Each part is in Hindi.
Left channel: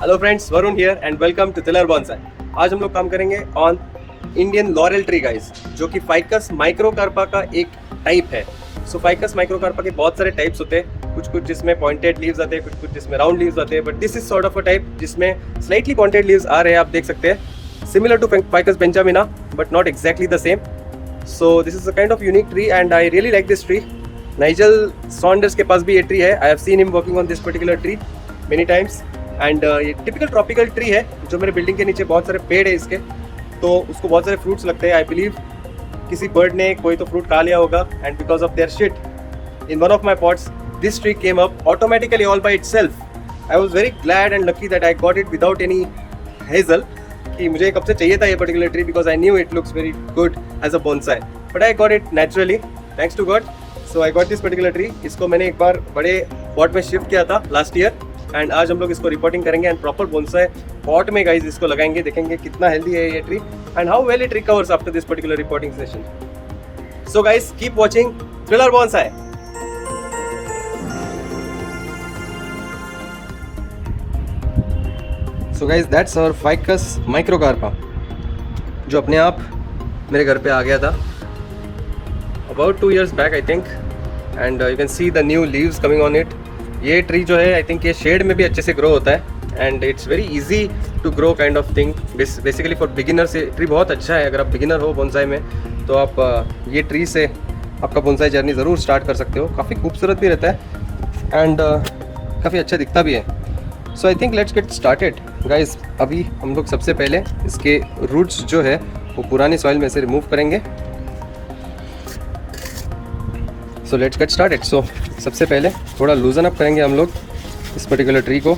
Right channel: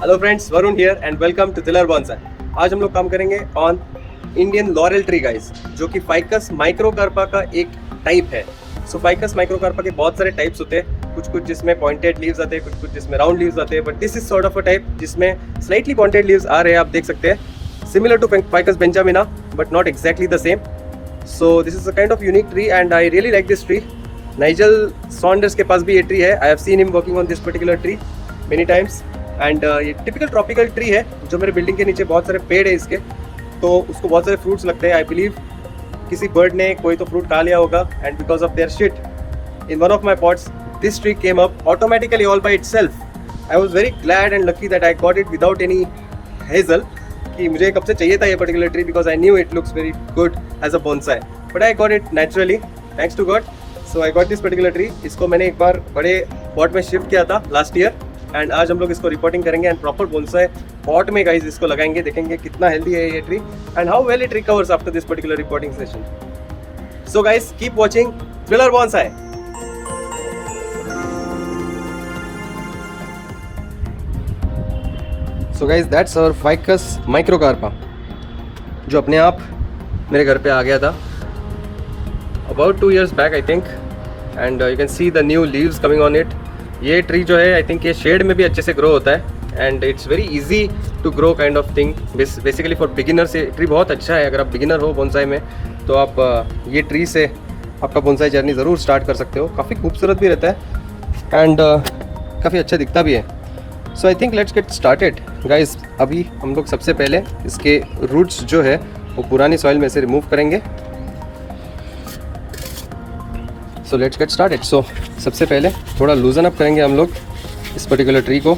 Hello friends, Varun here and welcome to दिलर बॉन्साई। आज हम लोग काम करेंगे on Indian laurel tree guys, जो कि फाइकस माइक्रोकार्पा का एक टाइप है। सो फाइकस माइक्रोकार्पा के बहुत सारे टाइप्स होते हैं, कुछ कुछ जिसमें पॉइंटेड लीव्स आते हैं, कुछ कुछ जिसमें राउंड लीव्स आते हैं, but this is sort of a type जिसमें स्लाइटली पॉइंटेड लीव्स आ रहे हैं। आप देख सकते हैं, similar to ficus benjamina but not exactly the same. So this is a kind of unique tree and I really like this tree. Nigel Saunders के पास भी ये ट्री है। I have seen him working on this particular tree many times and ये टिपिकल ट्रॉपिकल ट्री है। जो मेरे बिल्डिंग के नीचे बहुत सारे पेड़ है इसके, तो उसको बहुत सारे फ्रूट्स लगते हैं। आई बिलीव किसी बर्ड ने कोई तो फ्रूट खा लिया होगा and because of their shit in one of my pots this tree came up automatically all by itself. I was very glad and lucky that I got it without any hassle, कि मुझे कब से चाहिए था ये particular tree, because I knew it looks very good as a bonsai, but I got it naturally thanks to God. So I got this particular tree. इसको मैंने एक बार बड़े पॉट में शिफ्ट किया था लास्ट ईयर एंड आज हम लोग इसको रिपोर्टिंग करेंगे एंड प्रॉपर बोनसाई पॉट में गाइस इसको लगाएंगे, देखेंगे कितना हेल्दी है ये tree and how well it recovers after this particular repotting session. So guys keep watching दिलर bonsai. So guys that's our ficus microcarpa, जो अपने आप मेरे घर पे आ गया था about 2 years back I think, and you can see the new leaves coming on it. ये ट्री जो है आई थिंक ये शेड में भी अच्छे से ग्रो होता है and it's very easy to grow kind of thing. Basically for beginners ये ट्री बहुत अच्छा है। अगर आप बिगिनर हो बोनसाई में तो आप ये ट्री से आपका बोनसाई जर्नी ज़रूर स्टार्ट कर सकते हो। काफ़ी खूबसूरत भी रहता है एंड काफ़ी अच्छा दिखता भी है। So I think let's get started guys. अभी हम लोग सबसे पहले इसके रूट्स जो है वो पुरानी सॉइल में से रिमूव करेंगे। So let's get started. So सबसे पहले थोड़ा लूजन अप करेंगे हम लोग इस पर्टिकुलर ट्री को।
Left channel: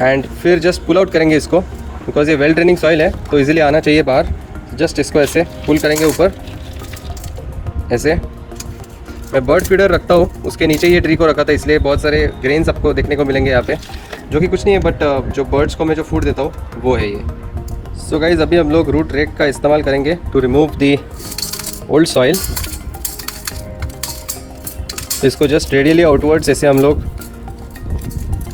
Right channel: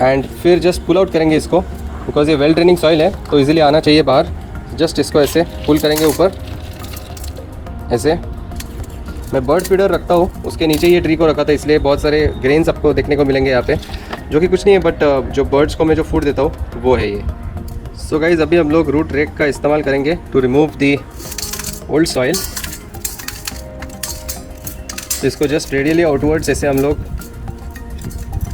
एंड फिर जस्ट पुल आउट करेंगे इसको, बिकॉज ये वेल ड्रेनिंग सॉइल है तो इजीली आना चाहिए बाहर। जस्ट इसको ऐसे पुल करेंगे ऊपर ऐसे। मैं बर्ड फीडर रखता हूँ, उसके नीचे ये ट्री को रखा था, इसलिए बहुत सारे ग्रेन्स आपको देखने को मिलेंगे यहाँ पे, जो कि कुछ नहीं है बट जो बर्ड्स को मैं जो फूड देता हूँ वो है ये। सो गाइज अभी हम लोग रूट रेक का इस्तेमाल करेंगे to remove the old soil. तो इसको जस्ट रेडियली आउटवर्ड्स ऐसे हम लोग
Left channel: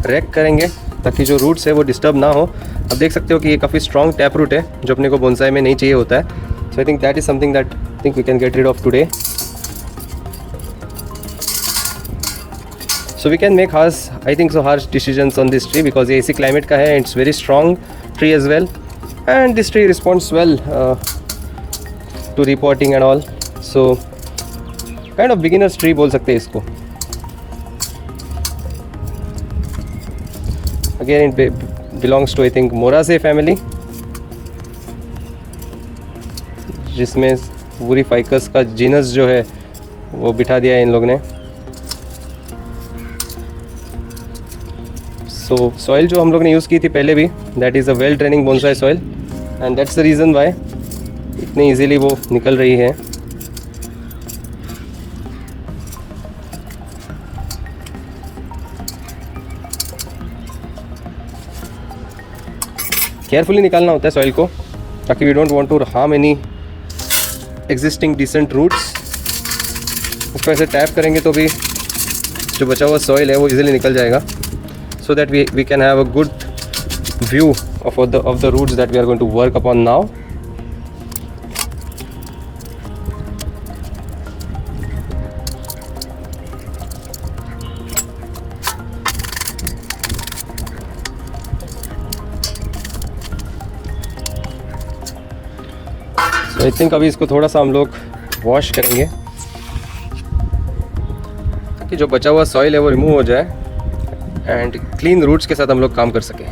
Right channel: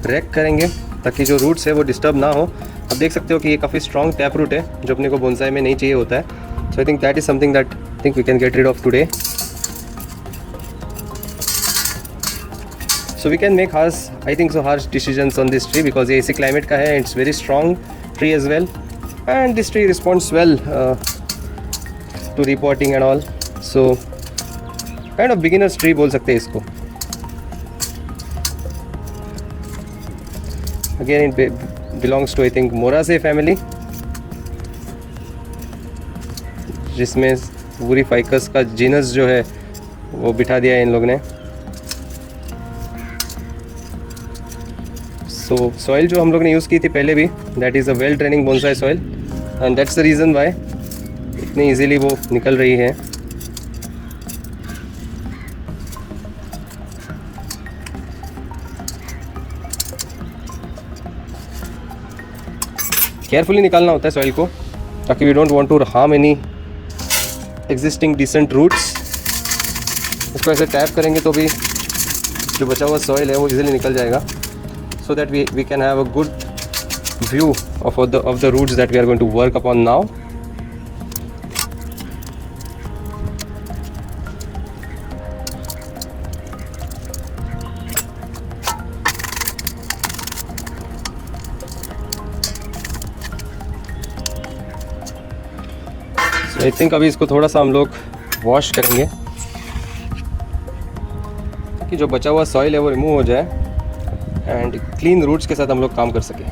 रेक करेंगे ताकि जो रूट्स है वो डिस्टर्ब ना हो। आप देख सकते हो कि ये काफ़ी स्ट्रॉन्ग टैप रूट है जो अपने को बोनसाई में नहीं चाहिए होता है। So I think that is something that think we can get rid of today. So we can make harsh, I think so, harsh decisions on this tree because ये इसी climate का है and it's very strong tree as well, and this tree responds well to repotting and all. So kind of beginner's tree बोल सकते हैं इसको। Again it belongs to I think Moraceae family, जिसमें पूरी फाइकस का जीनस जो है वो बिठा दिया है इन लोग ने। सो सॉइल जो हम लोग ने यूज़ की थी पहले भी, that is a well draining bonsai soil and that's the reason why इतनी इजीली वो निकल रही है। केयरफुली निकालना होता है सॉइल को ताकि we don't want to harm any existing decent roots. उसको ऐसे टैप करेंगे तो भी जो बचा हुआ सॉइल है वो इजीली निकल जाएगा, so that we can have a good view of the roots that we are going to work upon now. So I think अभी इसको थोड़ा सा हम लोग वॉश करेंगे ताकि जो बचा हुआ सॉइल है वो रिमूव हो जाए एंड क्लीन रूट्स के साथ हम लोग काम कर सकें।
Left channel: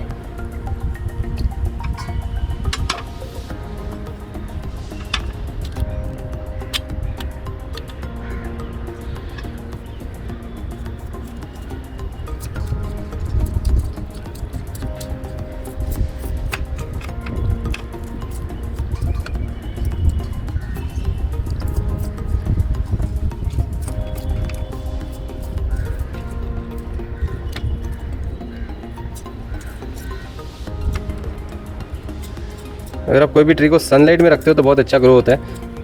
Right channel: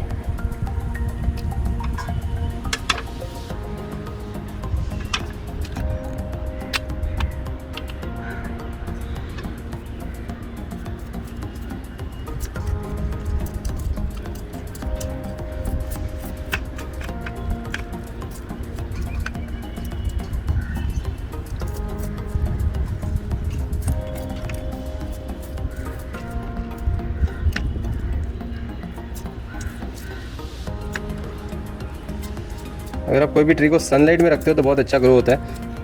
अगर आप कोई भी ट्री को सनलाइट में रखते हो तो बहुत अच्छा ग्रो होता है।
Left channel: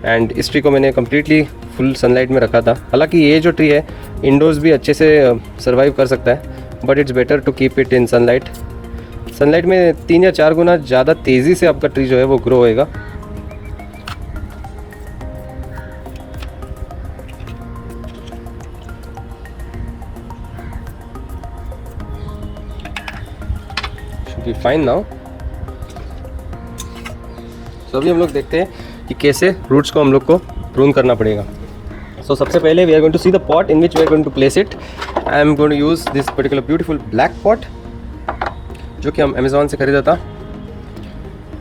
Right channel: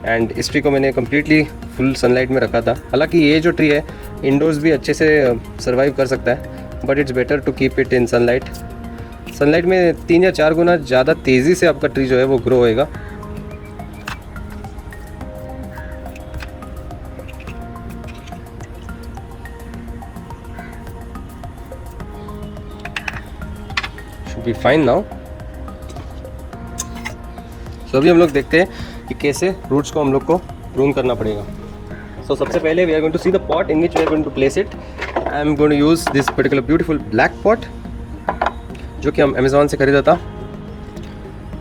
एंड इस ट्री को मैंने कम्प्लीटली फुल सनलाइट में रखा था। हालांकि ये जो ट्री है इंडोर्स भी अच्छे से सर्वाइव कर सकता है, but it's better to keep it in sunlight. Sunlight में 3 या 4 गुना ज़्यादा तेज़ी से आपका ट्री जो है वो ग्रो होएगा। Should be fine now. तो अभी हम लोग देखते हैं कि कैसे रूट्स को हम लोग को प्रून करना पड़ेगा। सो सबसे पहले we are going to see the pot in which we are going to place it. I am going to use this particular beautiful black pot जो कि हम अमेज़ॉन से खरीदा था।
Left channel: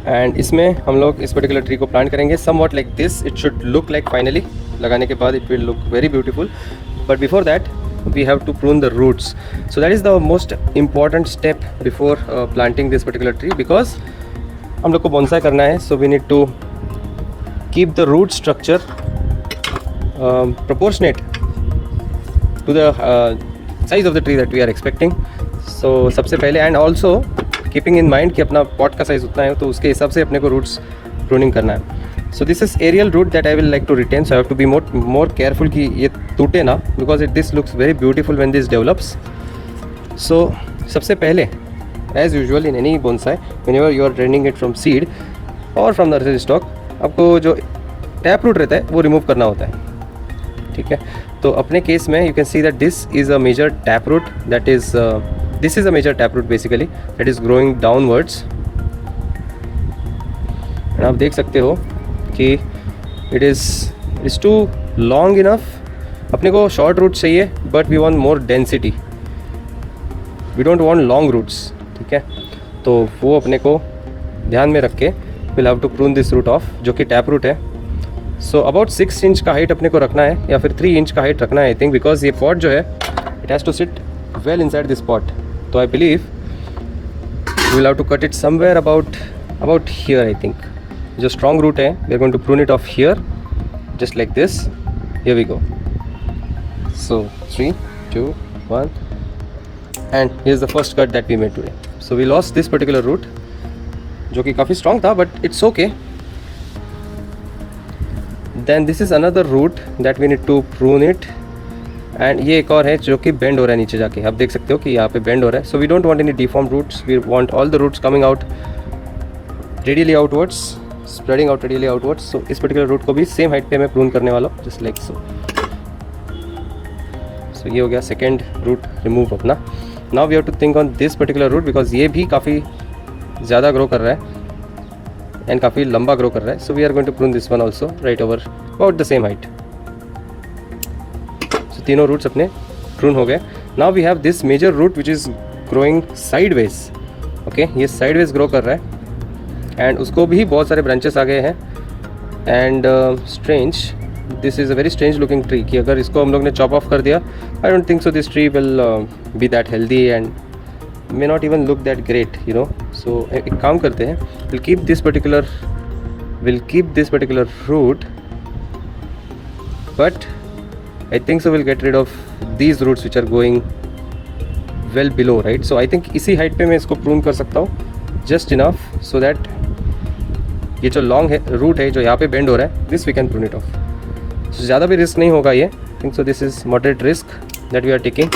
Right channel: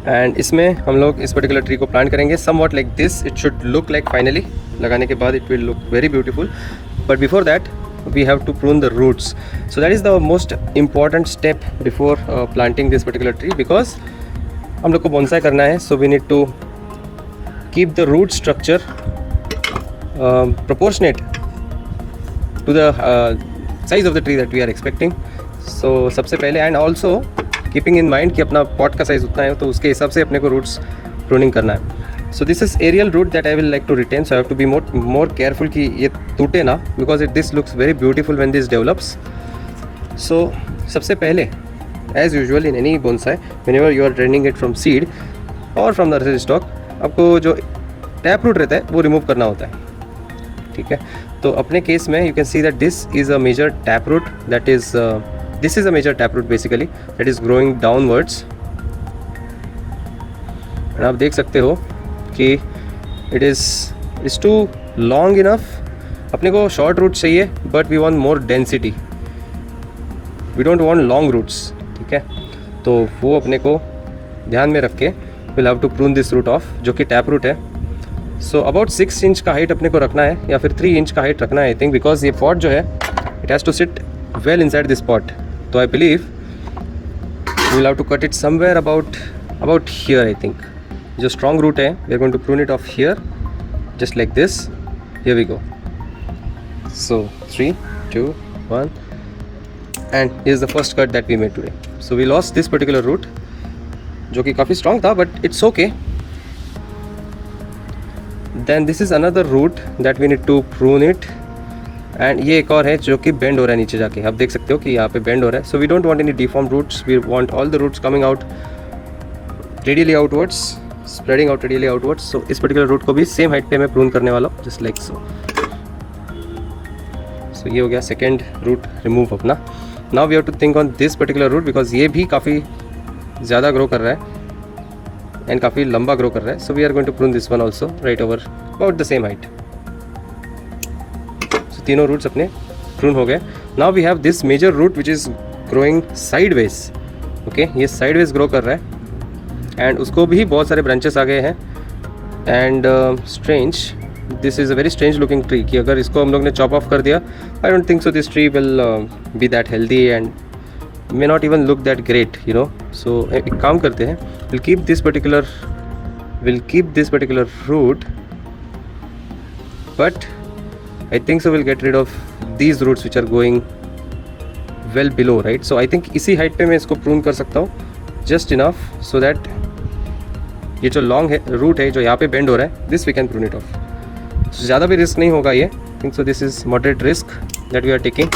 एंड इसमें हम लोग इस पर्टिकुलर ट्री को प्लांट करेंगे somewhat like this. It should look like finally लगाने के बाद it will look very beautiful, but before that we have to prune the roots. So that is the most important step before planting this particular tree, because हम लोग को bonsai करना है, so we need to keep the root structure proportionate to the size of the tree that we are expecting. So सबसे पहले and also keeping in mind कि अपना pot का size उतना है तो उसके हिसाब से अपने को roots pruning करना है। So this is aerial root that I will like to retain, so I have to be more careful कि ये टूटे ना, because this looks very beautiful when this develops. So सबसे पहले as usual in any bonsai, whenever you are draining it from seed or from the nursery stock, आपको जो टैप रूट रहता है वो रिमूव करना होता है, ठीक है। तो अपने केस में you can see that this is a major tap root, that is this is a major tap root basically that is growing downwards. आप देख सकते हो कि it is too long enough. अपने को शॉर्ट रूट चाहिए, but we want more density, we don't want long roots, ठीक है। तो वो अपने को ध्यान में रख के will have to prune this root off, जो कि टैप रूट है। सो अबाउट 6 इंच का हाइट अपने को रखना है, या फिर 3 इंच का हाइट रखना है आई थिंक, बिकॉज ये पॉट जो है it has to sit well inside this pot. तो I believe we will have to cut it somewhere about here I think. जो strong root है we are going to prune it off here just like this. Here we go. So 3 2 1 and here's the first cut that we made today. So we lost this particular root जो कि काफ़ी strong था, but it's okay. Then this is another root that we need to prune it. And ये एक और है जो कि bend हो रहा है नीचे जाके, आप देख सकते हो कि यहाँ पे bend हो रहा है। So we don't want any deformed roots, we want all the roots coming out radially outwards, spreading out radially outwards. So इस particular root को भी same height पे मैं prune करने वाला हूँ, just like so. So ये हो गया second root remove अपना। Now we have to think on this particular root because ये भी काफ़ी ज़्यादा grow कर रहा है and काफ़ी लंबा grow कर रहा है। So we are going to prune this one also right over about the same height. So तीनों roots अपने prune हो गए। Now we have this major root which is growing sideways. Okay, ये sideways grow कर रहा है एंड उसको भी बहुत सारे ब्रांचेस आ गए हैं। And strange, this is a very strange looking tree कि अगर इसको हम लोग ने चॉप ऑफ कर दिया, I don't think so this tree will be that healthy and may not even look that great, you know. So एक काम करते हैं, will keep this particular root, but I think so will get rid of these roots which are going well below, right. So I think इसी हाइट पे मैं इसको प्रून कर सकता हूँ जस्ट इनफ सो दैट ये जो लॉन्ग है रूट है जो यहाँ पे बेंड हो रहा है, this we can prune it off. ज़्यादा भी रिस्क नहीं होगा ये, think so this is moderate risk that we are taking.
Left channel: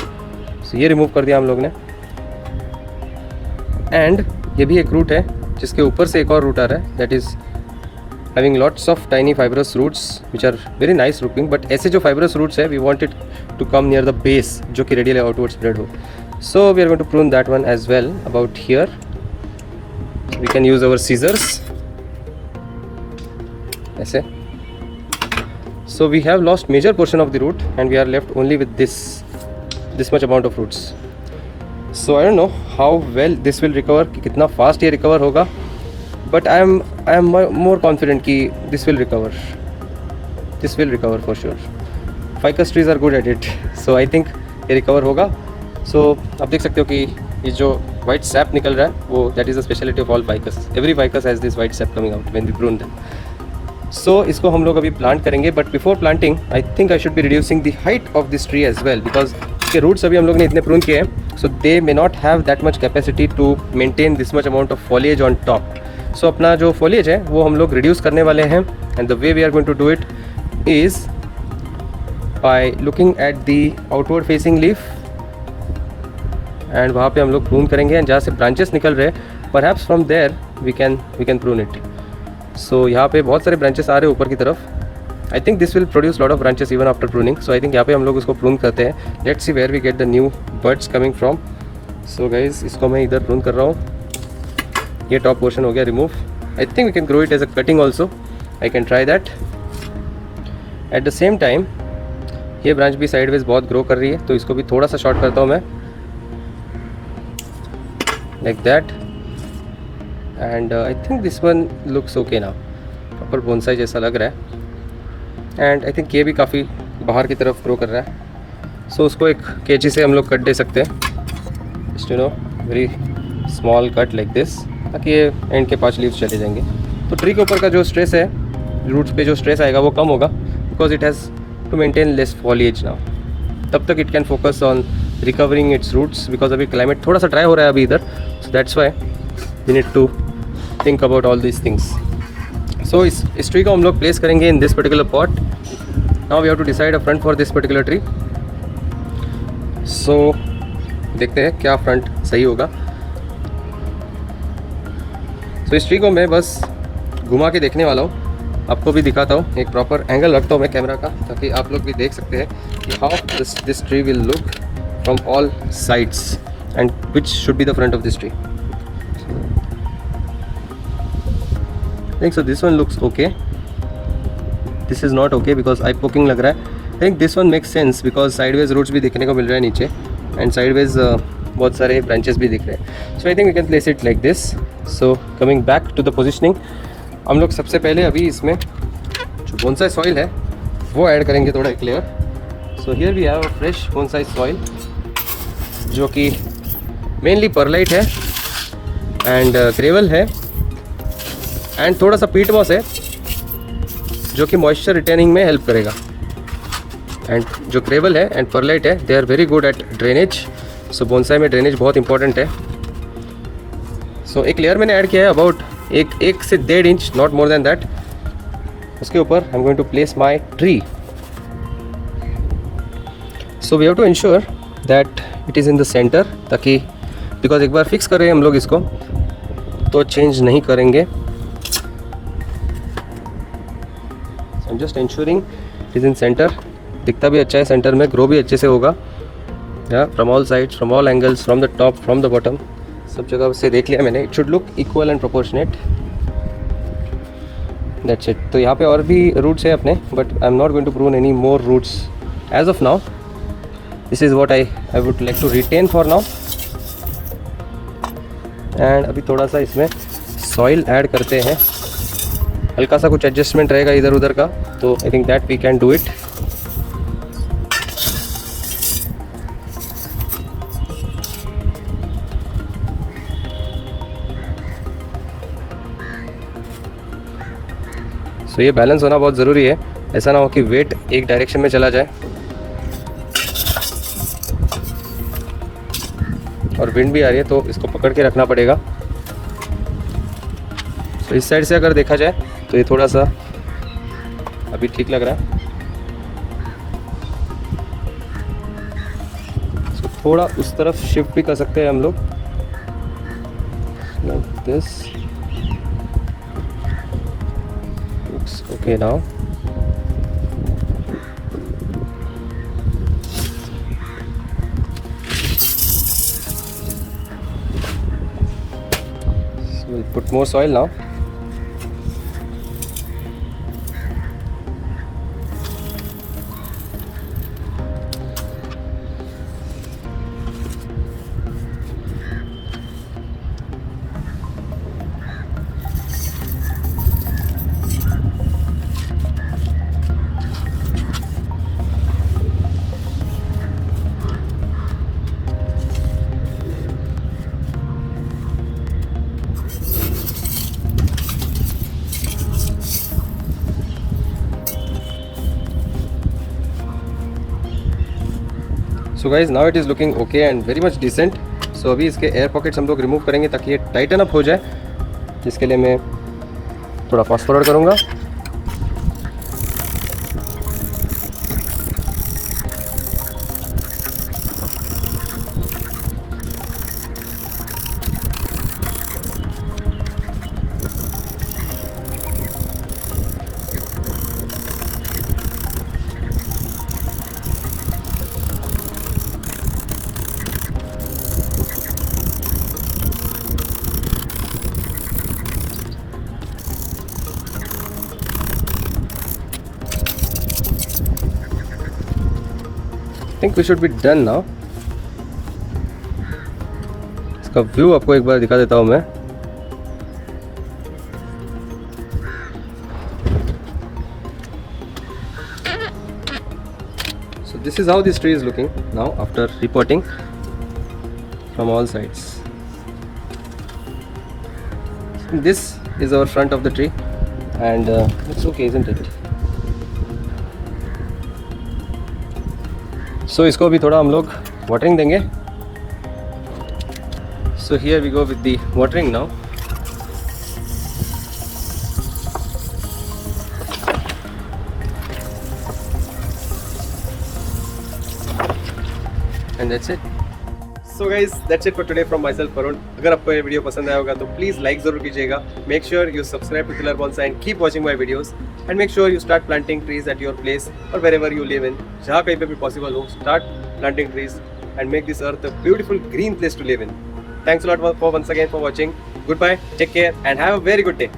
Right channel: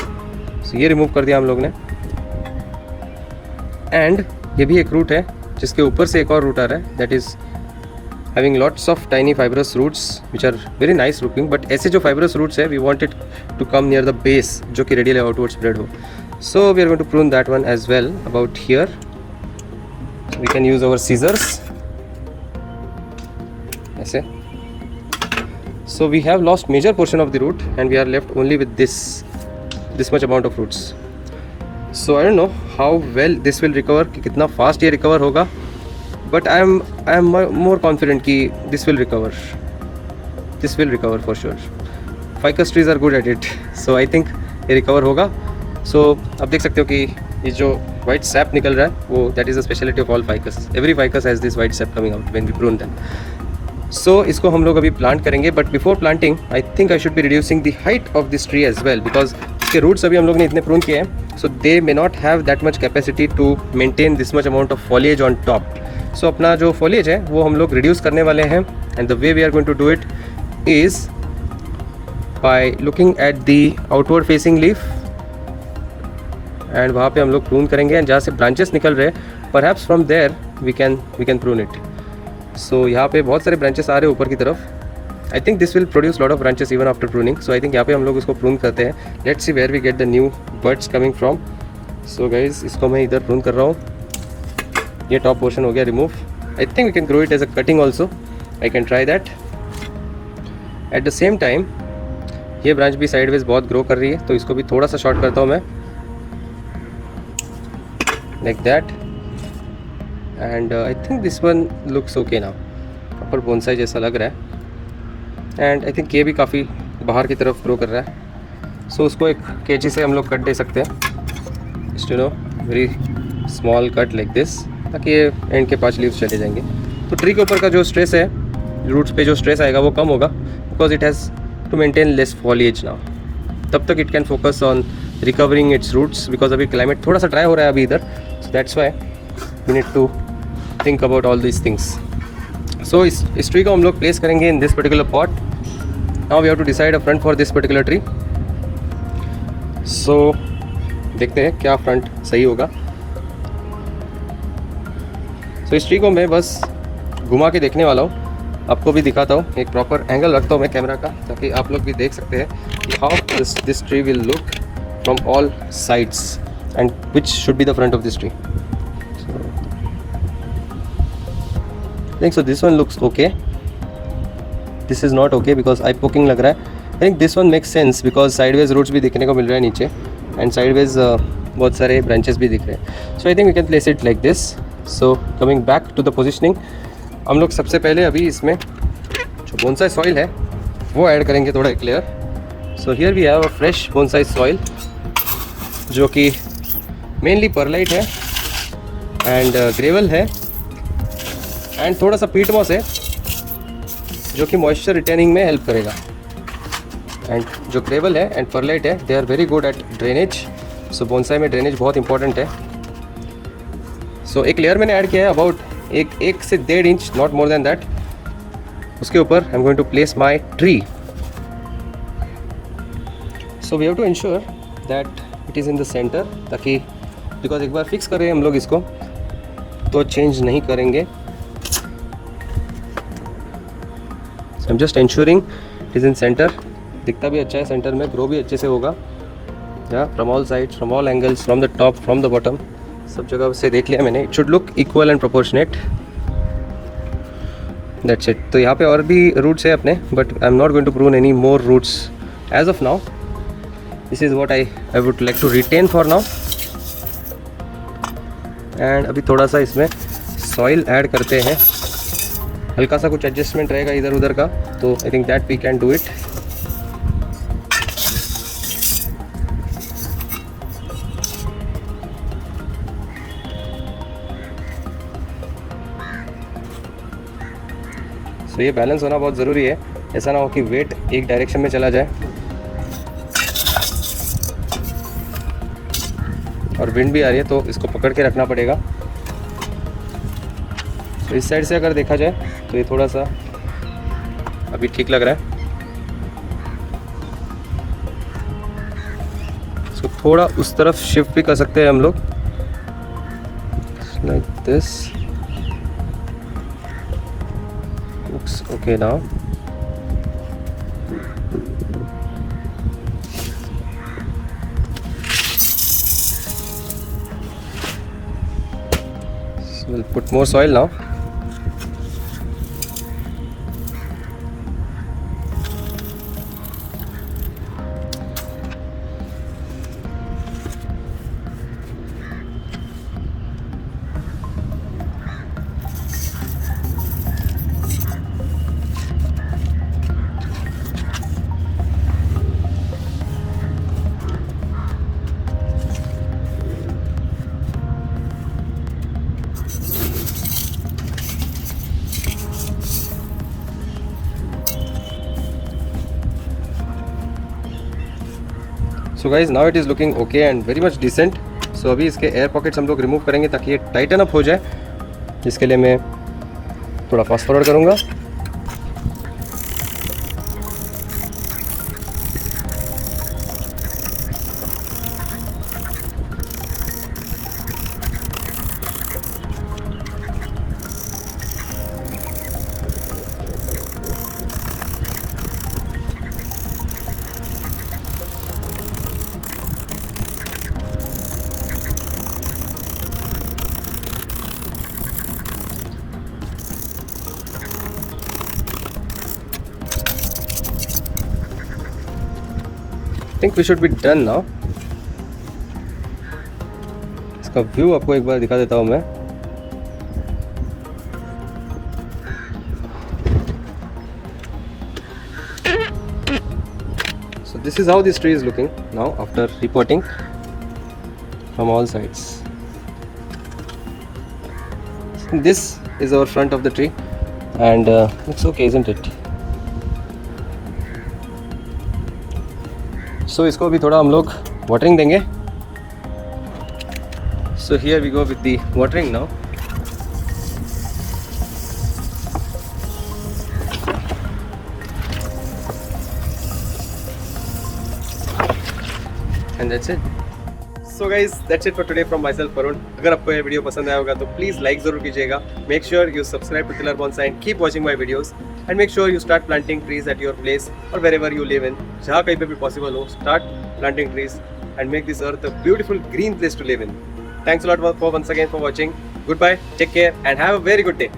So ये रिमूव कर दिया हम लोग ने। एंड ये भी एक रूट है जिसके ऊपर से एक और रूट आ रहा है, that is having lots of tiny fibrous roots which are very nice looking, but ऐसे जो फाइब्रस रूट्स है we want it to come near the base जो कि रेडियली आउटवर्ड स्प्रेड हो। So we are going to prune that one as well about here. We can use our scissors ऐसे। So we have lost major portion of the root and we are left only with this much amount of roots. So I don't know how well this will recover, कि कितना fast ये recover होगा, but I am more confident कि this will recover for sure. Ficus trees are good at it, so I think ये recover होगा। So आप देख सकते हो कि ये जो white sap निकल रहा है वो that is a speciality of all ficus. Every ficus has this white sap coming out when we prune them. So इसको हम लोग अभी प्लांट करेंगे, but before planting I think I should be reducing the height of this tree as well, because इसके रूट्स अभी हम लोग ने इतने प्रून किए हैं, so they may not have that much capacity to maintain this much amount of foliage on top. So अपना जो फॉलिएज है वो हम लोग रिड्यूस करने वाले हैं, and the way we are going to do it is by looking at the outward facing leaf, and वहाँ पे हम लोग प्रून करेंगे जहाँ से ब्रांचेस निकल रहे हैं, perhaps from there we can prune it. So यहाँ पे बहुत सारे ब्रांचेस आ रहे हैं ऊपर की तरफ। I think this will produce lot of branches even after pruning. So I think यहाँ पे हम लोग इसको प्रून करते हैं। Let's see where we get the new birds coming from. So guys इसको मैं इधर प्रून कर रहा हूँ। ये टॉप पोर्शन हो गया remove. I think we can grow it as a cutting also, I can try that. At the same time ये ब्रांच भी साइडवेज बहुत ग्रो कर रही है, तो इसको भी थोड़ा सा शॉर्ट करता हूँ मैं, like that. And I think this one looks okay now, proper bonsai जैसा लग रहा है। एंड आई थिंक ये भी काफ़ी बाहर की तरफ ग्रो कर रहा है। सो उसको एक कैंची से हम लोग कट दे सकते हैं, just you know very small cut like this, ताकि ये एंड के 5 लीव्स चले जाएंगे। तो ट्री के ऊपर का जो स्ट्रेस है, रूट्स पे जो स्ट्रेस आएगा वो कम होगा, because it has to maintain less foliage now. तब तक it can focus on recovering its roots, because अभी क्लाइमेट थोड़ा सा ड्राई हो रहा है अभी इधर। So that's why we need to think about all these things. So इस ट्री को हम लोग प्लेस करेंगे in this particular pot. Now we have to decide a front for this particular tree. So देखते हैं क्या फ्रंट सही होगा। सो इस ट्री को मैं बस घुमा के देखने वाला हूँ, आपको भी दिखाता हूँ। एक प्रॉपर एंगल रखता हूँ मैं कैमरा का, ताकि आप लोग भी देख सकते हैं कि how this tree will look from all sides and which should be the front of this tree. So this one looks okay. This is not okay because eye poking लग रहा है। I think this one makes sense because sideways roots भी दिखने को मिल रहा है नीचे, and sideways बहुत सारे branches भी दिख रहे हैं। So I think we can place it like this. So coming back to the positioning, हम लोग सबसे पहले अभी इसमें जो bonsai soil है वो ऐड करेंगे थोड़ा एक layer. So here we have a fresh bonsai soil जो कि mainly perlite है and gravel है एंड थोड़ा सा पीट मॉस है जो कि मॉइस्चर रिटेनिंग में हेल्प करेगा। एंड जो ग्रेवल है एंड परलाइट है, they are very good at drainage. So bonsai में ड्रेनेज बहुत इंपॉर्टेंट है। सो एक लेयर मैंने ऐड किया है अबाउट 1 से 1.5 inch, not more than that. उसके ऊपर I am going to place my tree. So we have to ensure that it is in the centre, ताकि बिकॉज एक बार फिक्स करें हम लोग इसको तो चेंज नहीं करेंगे। I'm just ensuring it is in center। दिखता भी अच्छा है सेंटर में, ग्रो भी अच्छे से होगा। From all sides, from all angles, from the top, from the bottom, सब जगह से देख लिया मैंने। It should look equal and proportionate, that's it. तो यहाँ पे और भी रूट्स हैं अपने, but I am not going to prune any more roots as of now. This is what I would like to retain for now. And अभी थोड़ा सा इसमें सॉइल ऐड करते हैं, हल्का सा कुछ एडजस्टमेंट रहेगा इधर उधर का, तो I think that we can do it. So ये बैलेंस होना बहुत ज़रूरी है, ऐसा ना हो कि वेट एक डायरेक्शन में चला जाए और विंड भी आ रही है, तो इसको पकड़ के रखना पड़ेगा। तो इस साइड से अगर देखा जाए तो ये थोड़ा सा अभी ठीक लग रहा है। इसको थोड़ा उस तरफ शिफ्ट भी कर सकते हैं हम लोग, like this. Looks okay now. So we'll put more soil now. So guys now it is looking okay and very much decent. So अभी इसके एयर पॉकेट्स हम लोग रिमूव करेंगे ताकि ये टाइटन अप हो जाए जिसके लिए मैं थोड़ा फास्ट फॉरवर्ड करूँगा। I think we should be done now. इसका व्यू आपको एक बार दिखा देता हूँ मैं। So this is how this tree is looking now after repotting from all sides. This is our front of the tree and it's okay, isn't it? So इसको भी थोड़ा हम लोग वाटरिंग देंगे। So here we go with the watering now. And that's it. So guys, that's it for today from myself Varun. अगर आपको ये वीडियो पसंद आया होगा तो प्लीज लाइक जरूर कीजिएगा। Make sure you subscribe to Tiller Bonsai and keep watching my videos. And make sure you start planting trees at your place or wherever you live in. जहाँ कहीं पे भी possible हो, start planting trees and make this earth a beautiful green place to live in. Thanks a lot for once again for watching. Goodbye, take care and have a very good day.